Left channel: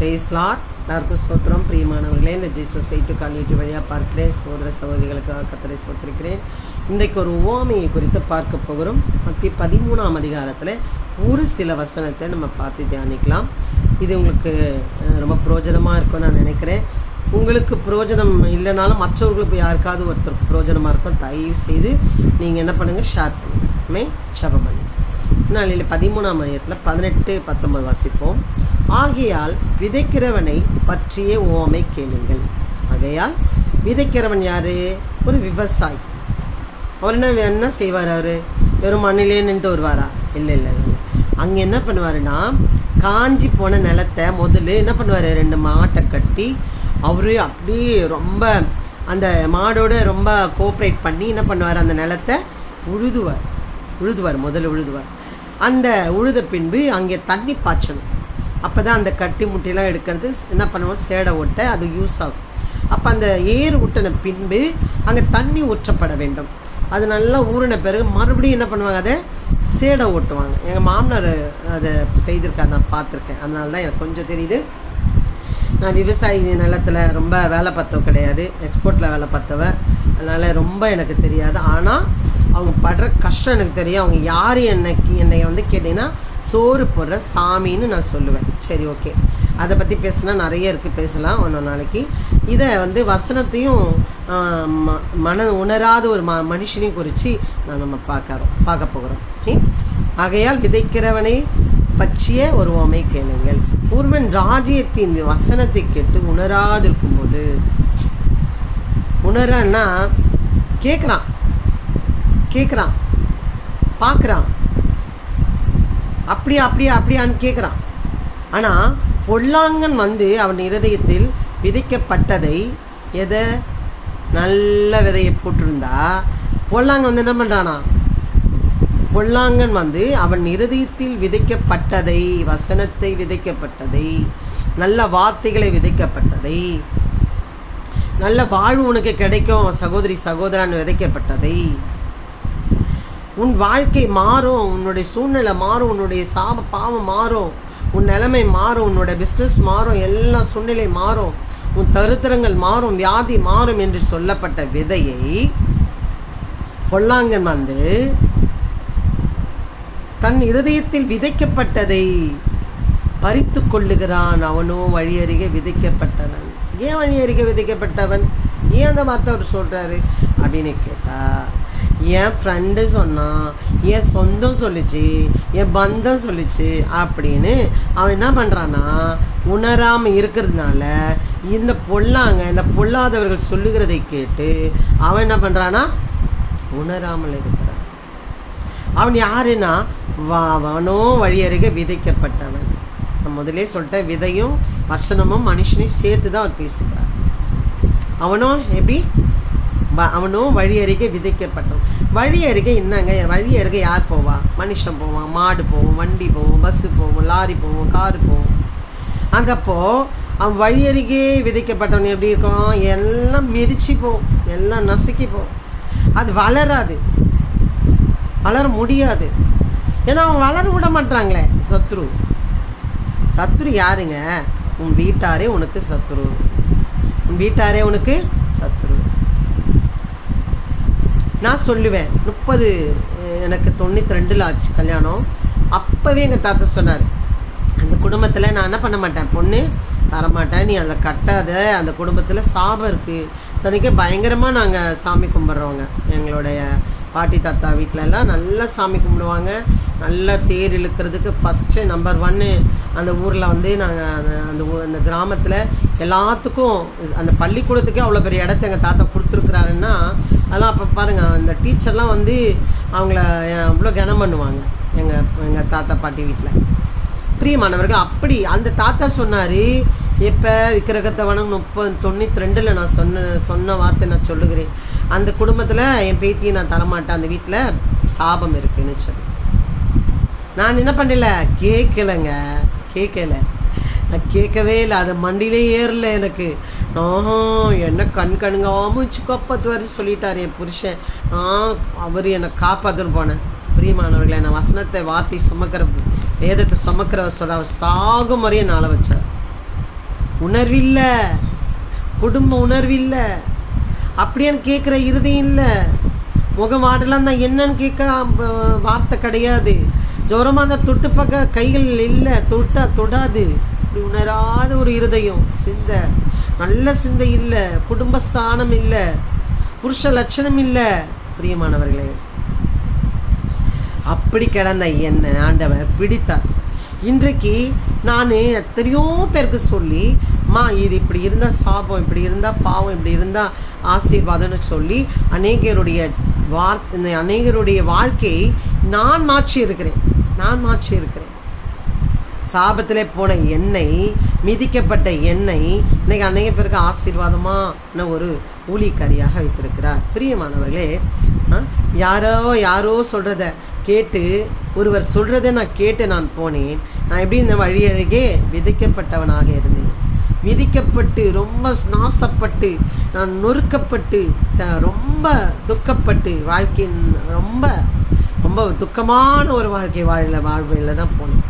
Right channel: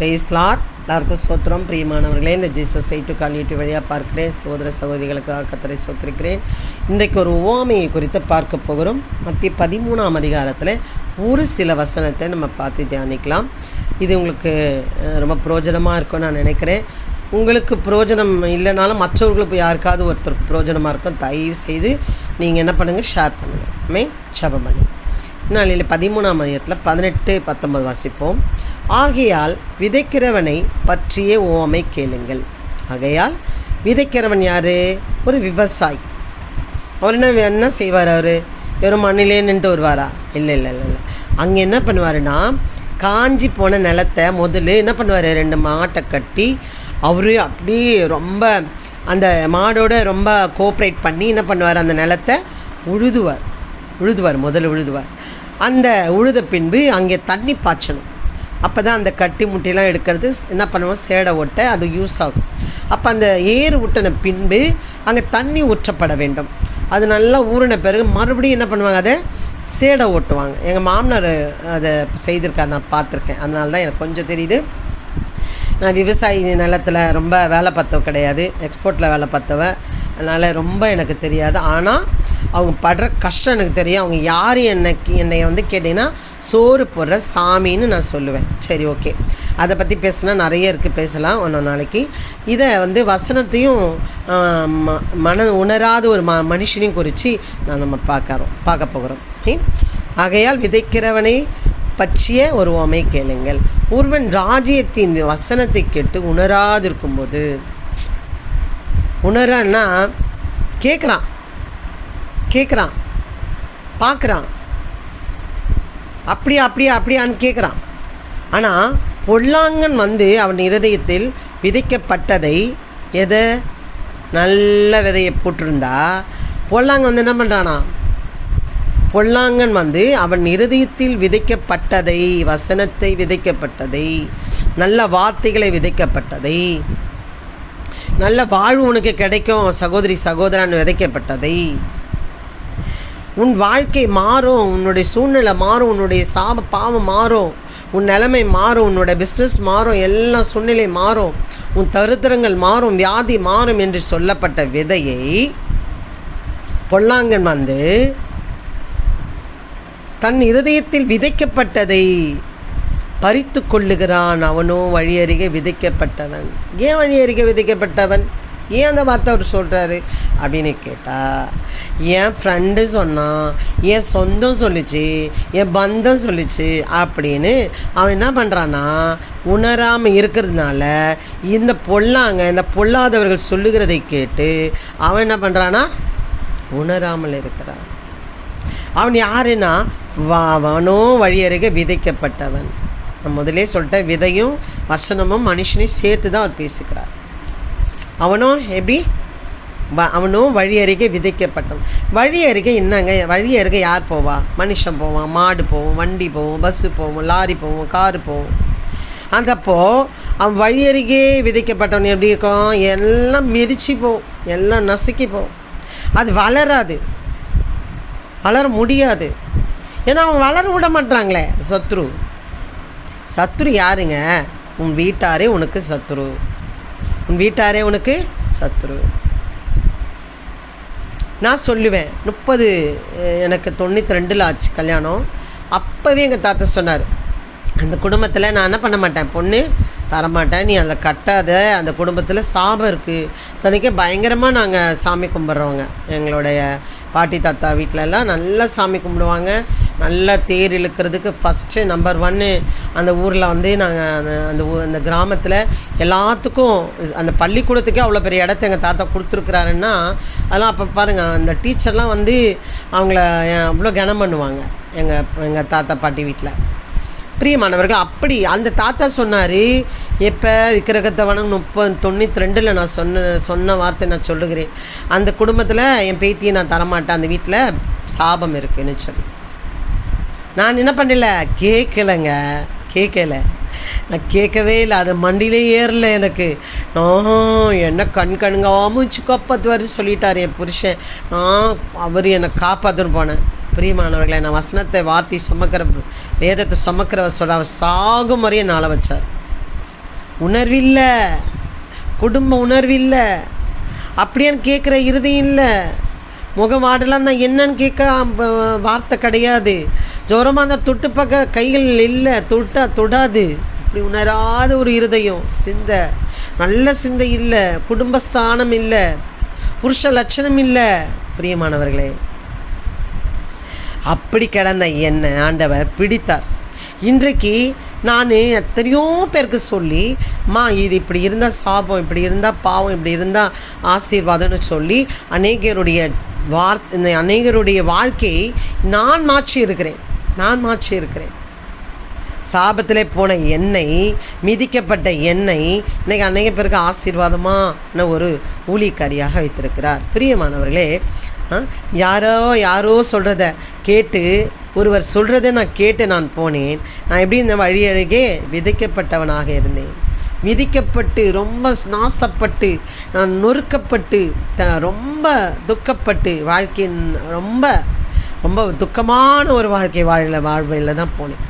Price Lord. எல்லாருக்கும் சோத்திரம். பிரியமானவர்களே, இந்த ஜீசஸ் ஐட்டு கால் யூடியூப் வழியாக பார்க்கிறேன் சகோதர சகோதரிகளுக்காக கர்த்தரை சோத்திருக்கிறேன். இன்றைக்கு ஒரு உவமையை குறித்து பார்க்க போகிறோம். மத்திய 13ஆம் அதிகாரத்தில் ஒரு சில வசனத்தை நம்ம பார்த்து தியானிக்கலாம். இது உங்களுக்கு ரொம்ப பிரயோஜனமாக இருக்கும்னு நான் நினைக்கிறேன். உங்களுக்கு பிரயோஜனம் இல்லைனாலும் மற்றவர்களுக்கு யாருக்காவது ஒருத்தருக்கு பிரயோஜனமாக இருக்கும். தயவு செய்து நீங்கள் என்ன பண்ணுங்கள், ஷேர் பண்ணுங்கள், ஜெபம் பண்ணுங்கள். நாளில் 13ஆம் அதிகாரத்தில் 18-19 வாசிப்போம். ஆகையால் விதைக்கிறவனை பற்றிய உவமை கேளுங்கள். ஆகையால் விதைக்கிறவன் யார்? ஒரு விவசாயி. அவர் என்ன செய்வார்? அவர் வெறும் மண்ணிலே நின்று வருவாரா? இல்லை. அங்கே என்ன பண்ணுவாருன்னா, காஞ்சி போன நிலத்தை முதல்ல என்ன பண்ணுவார், 2 மாட்டை கட்டி அவர் அப்படியே ரொம்ப அந்த மாடோட ரொம்ப கோஆப்ரேட் பண்ணி என்ன பண்ணுவார், அந்த நிலத்தை முதல்ல உழுதுவார். அந்த உழுத பின்பு அங்கே தண்ணி பாய்ச்சணும். அப்போ தான் அந்த கட்டி முட்டையெல்லாம் எடுக்கிறது என்ன பண்ணுவோம், சேடை ஓட்ட அது யூஸ் ஆகும். அப்போ அந்த ஏறு ஊட்டின பின்பு அங்கே தண்ணி ஊற்றப்பட வேண்டும். அது நல்லா ஊறின பிறகு மறுபடியும் என்ன பண்ணுவாங்க, அதை சேடை ஓட்டுவாங்க. எங்கள் மாமனார் அதை செய்திருக்கார், நான் பார்த்துருக்கேன். அதனால தான் எனக்கு கொஞ்சம் தெரியுது. நான் விவசாயி நிலத்தில் ரொம்ப வேலை பார்த்தவ கிடையாது, எக்ஸ்போர்ட்டில் வேலை பார்த்தவ. அதனால் ரொம்ப எனக்கு தெரியாது. ஆனால் அவங்க படுற கஷ்டம் எனக்கு தெரியும். அவங்க யார் என்னை வந்து கேட்டிங்கன்னா சோறு போடுற சாமின்னு நான் சொல்லுவேன். சரி, ஓகே, அதை பற்றி பேசினா நிறைய இருக்குது, பேசலாம் ஒன்று நாளைக்கு. இதை வந்து வசனத்தையும் உணராத ஒரு மனுஷனையும் குறித்து நம்ம பார்க்க போகிறோம். ஆகையால் விதைக்கிறவனை பற்றிய ஒரு உவமை கேளுங்கள். ஒருவன் ராஜ்யத்தின் வசனத்தை கேட்டு உணராதிருக்கும்போது, உணரன்னா கேட்குறான் பார்க்குறான், அப்படியான்னு கேட்குறான். ஆனால் பொல்லாங்கன் வந்து அவன் இருதயத்தில் விதைக்கப்பட்டதை நல்ல விதையை போட்டிருந்தா, பொல்லாங்கன் வந்து என்ன பண்ணுறானா, பொல்லாங்கன் வந்து அவன் இருதயத்தில் விதைக்கப்பட்டதை, வசனத்தை விதைக்கப்பட்டதை, நல்ல வார்த்தைகளை விதைக்கப்பட்டதை, நல்ல வாழ்வு உனக்கு கிடைக்கும் சகோதரி சகோதரன் விதைக்கப்பட்டதை, உன் வாழ்க்கை மாறும், உன்னுடைய சூழ்நிலை மாறும், உன்னுடைய பாவம் மாறும், உன் நிலைமை மாறும், உன்னோட பிஸ்னஸ் மாறும், எல்லா சூழ்நிலை மாறும், உன் தரித்திரங்கள் மாறும், வியாதி மாறும் என்று சொல்லப்பட்ட விதையை பொல்லாங்கன் வந்து தன் இருதயத்தில் விதைக்கப்பட்டதை பறித்து கொள்ளுகிறான். அவனோ வழியருகே விதைக்கப்பட்டவன். ஏன் வழியருகே விதைக்கப்பட்டவன்? ஏன் அந்த வார்த்தை அவர் சொல்கிறாரு அப்படின்னு கேட்டால், என் ஃப்ரெண்டு சொன்னான், என் சொந்தம் சொல்லிச்சு, என் பந்தம் சொல்லிச்சு அப்படின்னு அவன் என்ன பண்ணுறான்னா, உணராமல் இருக்கிறதுனால இந்த பொல்லாதவர்கள் சொல்லுகிறதை கேட்டு அவன் என்ன பண்ணுறான்னா, உணராமல் இருக்கிறான். அவன் யாருன்னா, அவனோ வழியருகே விதைக்கப்பட்டவன். நான் முதலே சொல்லிட்டேன், விதையும் வசனமும் மனுஷனையும் சேர்த்து தான் அவர் பேசுகிறார். அவனோ வழி அருகே விதைக்கப்பட்டவன். வழி அருகே என்னங்க, வழி அருகே யார் போவா? மனுஷன் போவான், மாடு போவோம், வண்டி போவோம், பஸ்ஸு போவோம், லாரி போவோம், காரு போவோம். அந்தப்போ அவன் வழி அருகே விதைக்கப்பட்டவன் எப்படி இருக்கும்? எல்லாம் மிதிச்சு போவோம், எல்லாம் நசுக்கி போவோம். அது வளர முடியாது. ஏன்னா அவங்க வளர விட மாட்டாங்களே. சத்ரு யாருங்க? உன் வீட்டாரே உனக்கு சத்ரு. நான் சொல்லுவேன், எனக்கு 92 ஆச்சு கல்யாணம். அப்போவே எங்கள் தாத்தா சொன்னார், அந்த குடும்பத்தில் நான் என்ன பண்ண மாட்டேன், பொண்ணு தரமாட்டேன், நீ அதில் கட்டாத, அந்த குடும்பத்தில் சாபம் இருக்குது. தனிக்கே பயங்கரமாக நாங்கள் சாமி கும்பிட்றோங்க. எங்களுடைய பாட்டி தாத்தா வீட்டிலலாம் நல்லா சாமி கும்பிடுவாங்க. நல்லா தேர் இழுக்கிறதுக்கு ஃபஸ்ட்டு நம்பர் 1 அந்த ஊரில் வந்து நாங்கள் அந்த கிராமத்தில் எல்லாத்துக்கும் அந்த பள்ளிக்கூடத்துக்கே அவ்வளோ பெரிய இடத்த எங்கள் தாத்தா கொடுத்துருக்குறாருன்னா, அதெல்லாம் அப்போ பாருங்கள், அந்த டீச்சர்லாம் வந்து அவங்கள அவ்வளோ கனம் பண்ணுவாங்க எங்கள் தாத்தா பாட்டி வீட்டில். பிரியமானவர்கள், அப்படி அந்த தாத்தா சொன்னார், எப்போ விக்கிரகத்தை வணங்க 92 நான் சொன்ன வார்த்தை நான் சொல்லுகிறேன், அந்த குடும்பத்தில் என் பேத்தியை நான் தரமாட்டேன், அந்த வீட்டில் சாபம் இருக்குதுன்னு சொல்லி. நான் என்ன பண்ணல, கேட்கல, நான் கேட்கவே இல்லை. அது மண்டியிலே ஏறல எனக்கு. என்ன கண்காமுச்சு காப்பாற்று வர சொல்லிட்டார் என் புருஷன். அவர் என்னை காப்பாற்றுன்னு போனேன். பிரியமானவர்களை, நான் வசனத்தை வார்த்தை வேதத்தை சுமக்கிறவ சொல்ல அவர் சாகும் வரையும் நாளை வச்சார். உணர்வில்லை, குடும்ப உணர்வில்லை, அப்படியான்னு கேட்குற இருதயம் இல்லை. முகம் வாடலாம் தான் என்னன்னு கேட்க வார்த்தை கிடையாது. ஜோரமாக அந்த தொட்டு பக்க கைகள் இல்லை, தொடாது. அப்படி உணராத ஒரு இருதயம், சிந்தை, நல்ல சிந்தை இல்லை, குடும்பஸ்தானம் இல்லை, புருஷ லட்சணம் இல்லை. பிரியமானவர்களே, அப்படி கிடந்த என்னை ஆண்டவர் பிடித்தார். இன்றைக்கு நான் எத்தனையோ பேருக்கு சொல்லி, இது இப்படி இருந்தால் சாபம், இப்படி இருந்தால் பாவம், இப்படி இருந்தால் ஆசீர்வாதம்னு சொல்லி அநேகருடைய வாழ்க்கையை நான் மாற்றி இருக்கிறேன். சாபத்தில் போன எண்ணெய், மிதிக்கப்பட்ட எண்ணெய் இன்றைக்கி அநேக பேருக்கு ஆசீர்வாதமான ஒரு ஊழியக்காரியாக வைத்திருக்கிறார். பிரியமானவர்களே, யாரோ சொல்கிறத கேட்டு, ஒருவர் சொல்கிறத நான் கேட்டு நான் போனேன். நான் எப்படி இந்த வழி அருகே விதைக்கப்பட்டவனாக இருந்தேன். மிதிக்கப்பட்டு, ரொம்ப நாசப்பட்டு, நான் நொறுக்கப்பட்டு, ரொம்ப துக்கப்பட்டு, வாழ்க்கையின் ரொம்ப ரொம்ப துக்கமான ஒரு வாழ்வையில் தான் போனேன்.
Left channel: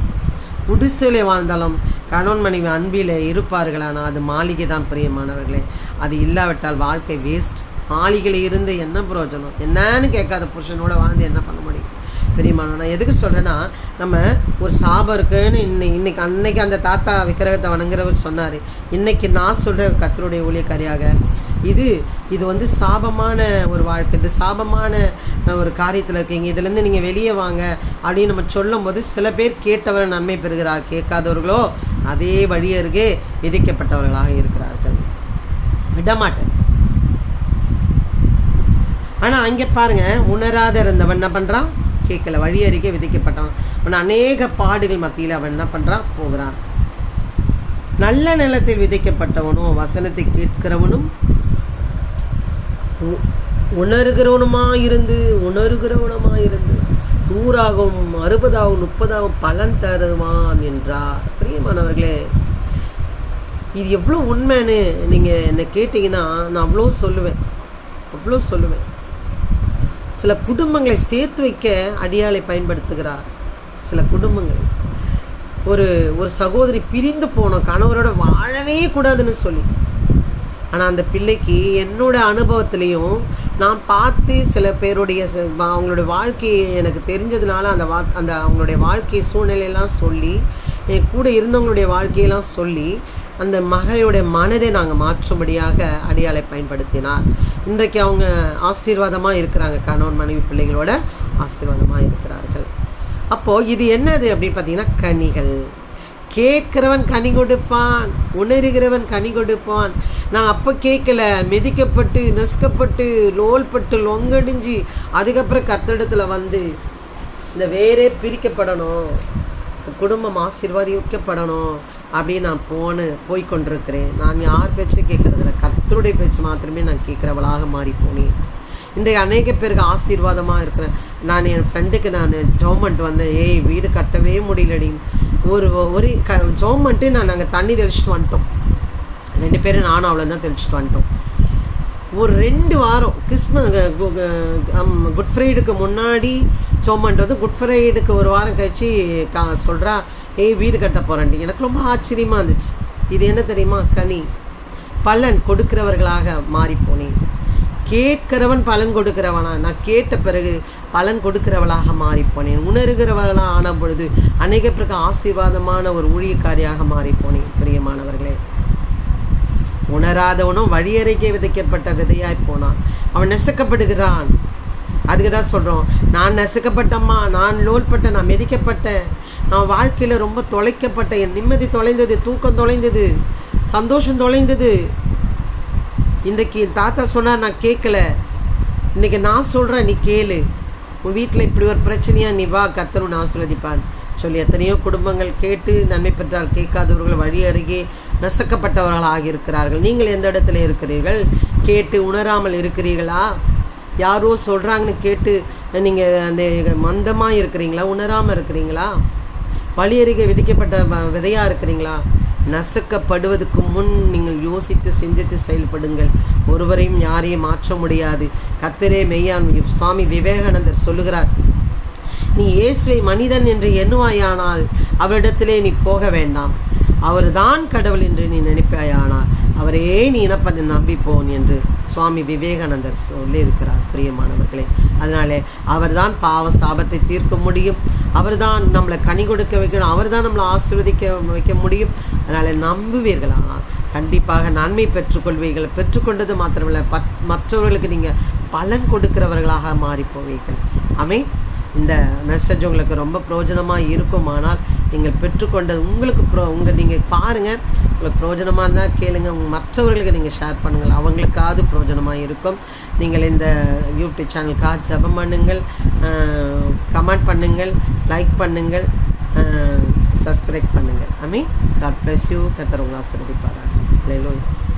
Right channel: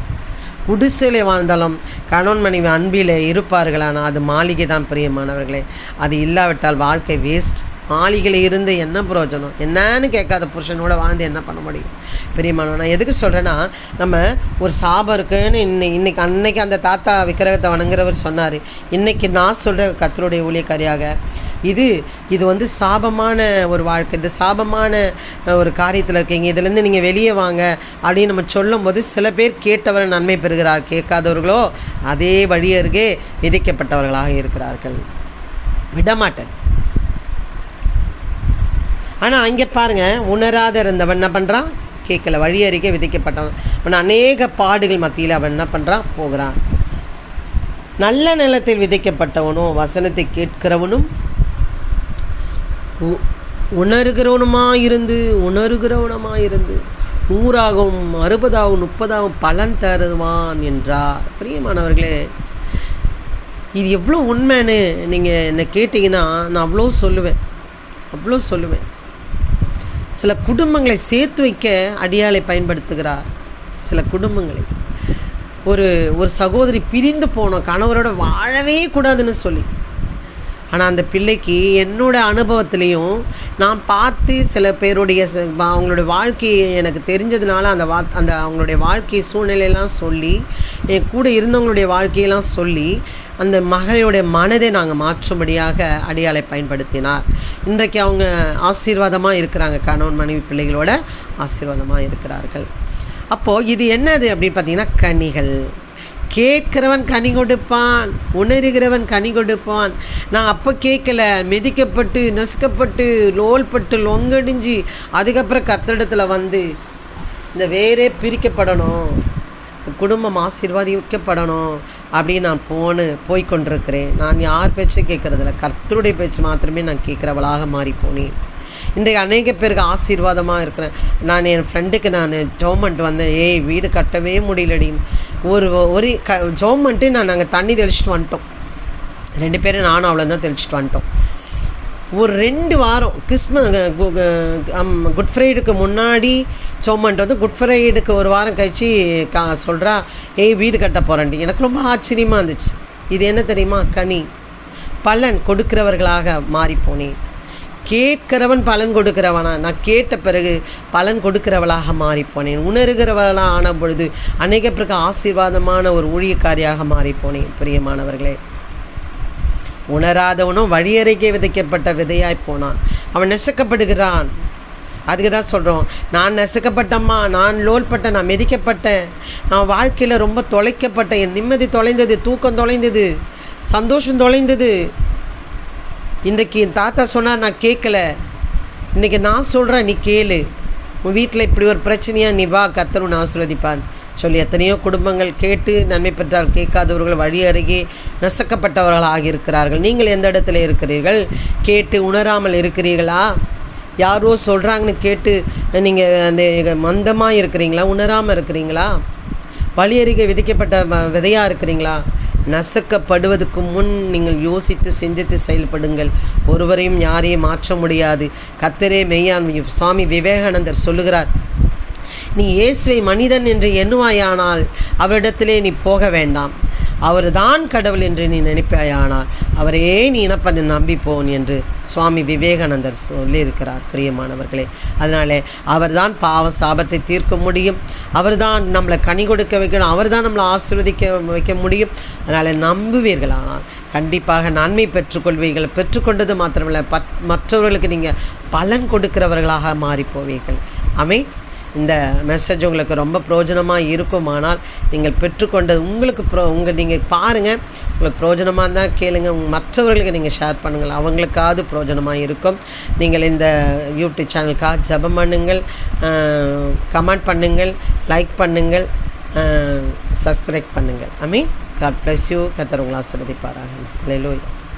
குடிசையில் வாழ்ந்தாலும் கணவன் மனைவி அன்பில் இருப்பார்களானால் அது மாளிகை தான். பிரியமானவர்களே, அது இல்லாவிட்டால் வாழ்க்கை வேஸ்ட். மாளிகையில் இருந்து என்ன பிரயோஜனம்? என்னன்னு கேட்காத புருஷனோட வாழ்ந்து என்ன பண்ண முடியும்? பிரியமானவன், நான் எதுக்கு சொல்கிறேன்னா, நம்ம ஒரு சாபம் இருக்குன்னு அன்னைக்கு அந்த தாத்தா விக்கிரகத்தை வணங்குறவர் சொன்னார். இன்றைக்கி நான் சொல்கிற கர்த்தருடைய ஊழியக்காரியாக இது சாபமான ஒரு வாழ்க்கை, இது சாபமான ஒரு காரியத்தில் இருக்கீங்க, இதுலேருந்து நீங்கள் வெளியே வாங்க அப்படின்னு நம்ம சொல்லும் போது சில பேர் கேட்டவர் நன்மை பெறுகிறார், கேட்காதவர்களோ அதே வழியருகே விதிக்கப்பட்டவர்களாக இருக்கிறார்கள். விடமாட்டேன். ஆனால் அங்கே பாருங்கள், உணராத இருந்தவன் என்ன பண்ணுறான்? கேட்கல, வழி அறிக்கை விதிக்கப்பட்டான். அவன் அநேக பாடுகள் மத்தியில் அவன் என்ன பண்ணுறான்? போகிறான். நல்ல நிலத்தில் விதைக்கப்பட்டவனும் வசனத்தை கேட்கிறவனும் உணர்கிறவனுமாயிருந்து 100ஆகவும் 60ஆகவும் 30ஆகவும் பலன் தருவான் என்றார். பிரியமானவர்களே, இது எவ்வளோ உண்மைன்னு நீங்கள் என்னை கேட்டிங்கன்னா நான் அவ்வளோ சொல்லுவேன். சில குடும்பங்களை சேர்த்து வைக்க அடியாளை பயன்படுத்துகிறார். சில குடும்பங்களை ஒரு சகோதரி பிரிந்து போனோம், கணவரோட வாழவே கூடாதுன்னு சொல்லி. ஆனால் அந்த பிள்ளைக்கு என்னோடய அனுபவத்துலேயும் நான் பார்த்து சில பேருடைய அவங்களுடைய வாழ்க்கையை எனக்கு தெரிஞ்சதுனால அந்த அவங்களுடைய வாழ்க்கை சூழ்நிலையெல்லாம் சொல்லி, என் கூட இருந்தவங்களுடைய வாழ்க்கையெல்லாம் சொல்லி அந்த மகளுடைய மனதை நாங்கள் மாற்றும்படியாக அடியாளை பயன்படுத்தினார். இன்றைக்கு அவங்க ஆசீர்வாதமாக இருக்கிறாங்க, கணவன் மனைவி பிள்ளைகளோட ஆசீர்வாதமாக இருக்கிறார்கள். அப்போது இது என்னது அப்படின்னு பார்த்தீங்கன்னா, கனிகள். கேட்குறவன் கனி கொடுப்பான், உணர்கிறவன் கனி கொடுப்பான். நான் அப்போ கேட்கல, மிதிக்கப்பட்டு நெசுக்கப்பட்டு லோல்பட்டு லொங்கடிஞ்சு அதுக்கப்புறம் கர்த்தரிடத்தில் வந்து இந்த வேரே பிரிக்கப்படணும், குடும்பம் ஆசீர்வாதிக்கப்படணும் அப்படின்னு நான் போய்கொண்டிருக்கிறேன். நான் யார் பேச்சு கேட்குறதில்ல, கர்த்தருடைய பேச்சு மாத்திரமே நான் கேட்குறவளாக மாறி போனேன். இன்றைக்கு அநேக பேருக்கு ஆசீர்வாதமாக இருக்கிறேன். நான் என் ஃப்ரெண்டுக்கு நான் ஜோமெண்ட் வந்தேன், வீடு கட்டவே முடியலடின்னு ஒரு ஜோமெண்ட்டு நாங்கள் தண்ணி தெளிச்சிட்டு வந்துட்டோம். 2 பேரும் நானும் அவ்வளோ தான் தெளிச்சிட்டு வந்துட்டோம். ஒரு 2 வாரம் குட் ஃப்ரைடுக்கு முன்னாடி சோமன்ட்டு குட் ஃப்ரைடுக்கு ஒரு வாரம் கழித்து சொல்கிறா, வீடு கட்ட போகிறேன்ட்டு. எனக்கு ரொம்ப ஆச்சரியமாக இருந்துச்சு. இது என்ன தெரியுமா? கனி, பலன் கொடுக்கிறவர்களாக மாறிப்போனேன். கேட்கிறவன் பலன் கொடுக்கிறவனா? நான் கேட்ட பிறகு பலன் கொடுக்கிறவளாக மாறிப்போனேன். உணர்கிறவளாக ஆன பொழுது அநேக பேருக்கு ஆசீர்வாதமான ஒரு ஊழியக்காரியாக மாறிப்போனேன். பிரியமானவர்களே, உணராதவனும் வழியறைக்கே விதைக்கப்பட்ட விதையாய் போனான். அவன் நெசுக்கப்படுகிறான். அதுக்கு தான் சொல்கிறோம், நான் நெசுக்கப்பட்டம்மா, நான் லோல்பட்டேன், நான் மிதிக்கப்பட்டேன், நான் வாழ்க்கையில் ரொம்ப தொலைக்கப்பட்டேன், என் நிம்மதி தொலைந்தது, தூக்கம் தொலைந்தது, சந்தோஷம் தொலைந்தது. இன்றைக்கி என் தாத்தா சொன்னார், நான் கேட்கல. இன்றைக்கி நான் சொல்கிறேன், நீ கேளு. உன் வீட்டில் இப்படி ஒரு பிரச்சனையாக, நீ வா, கர்த்தர் உன்னை ஆசீர்வதிப்பான் சொல்லி எத்தனையோ குடும்பங்கள் கேட்டு நன்மை பெற்றால் கேட்காதவர்கள் வழி அருகே நசுக்கப்பட்டவர்களாக இருக்கிறார்கள். நீங்கள் எந்த இடத்துல இருக்கிறீர்கள்? கேட்டு உணராமல் இருக்கிறீர்களா? யாரோ சொல்கிறாங்கன்னு கேட்டு நீங்கள் மந்தமாக இருக்கிறீங்களா? உணராமல் இருக்கிறீங்களா? வழி அருகே விதிக்கப்பட்ட விதையாக இருக்கிறீங்களா? நசுக்கப்படுவதற்கு முன் நீங்கள் யோசித்து சிந்தித்து செயல்படுங்கள். ஒருவரையும் யாரையும் மாற்ற முடியாது. கர்த்தரே மெய்யான். சுவாமி விவேகானந்தர் சொல்லுகிறார், நீ இயேசுவை மனிதன் என்று எண்ணுவாயானால் அவரிடத்திலே நீ போக வேண்டாம். அவர் தான் கடவுள் என்று நீ நினைப்பாயானால் அவரே நீ இனப்பண்ண நம்பிப்போன் என்று சுவாமி விவேகானந்தர் சொல்லியிருக்கிறார் பிரியமானவர்களே. அதனாலே அவர் தான் பாவ சாபத்தை தீர்க்க முடியும், அவர் தான் நம்மளை கனி கொடுக்க வைக்கணும், அவர் தான் நம்மளை ஆசீர்வதிக்க வைக்க முடியும். அதனால் நம்புவீர்களானால் கண்டிப்பாக நன்மை பெற்றுக்கொள்வீர்கள். பெற்றுக்கொண்டது மாத்திரமில்லை, மற்றவர்களுக்கு நீங்கள் பலன் கொடுக்கிறவர்களாக மாறிப்போவீர்கள். ஆமென். இந்த மெசேஜ் உங்களுக்கு ரொம்ப பிரயோஜனமாக இருக்குமானால் நீங்கள் பெற்றுக்கொண்டது உங்களுக்கு நீங்கள் பாருங்கள், உங்களுக்கு பிரயோஜனமாக இருந்தால் கேளுங்க, மற்றவர்களுக்கு நீங்கள் ஷேர் பண்ணுங்கள், அவங்களுக்காவது பிரயோஜனமாக இருக்கும். நீங்கள் இந்த யூடியூப் சேனலுக்காக ஜெபம் பண்ணுங்கள், கமெண்ட் பண்ணுங்கள், லைக் பண்ணுங்கள், சப்ஸ்கிரைப் பண்ணுங்கள். ஆமென். God bless you. கர்த்தர் உங்களை ஆசீர்வதிப்பாராக. அல்லேலூயா.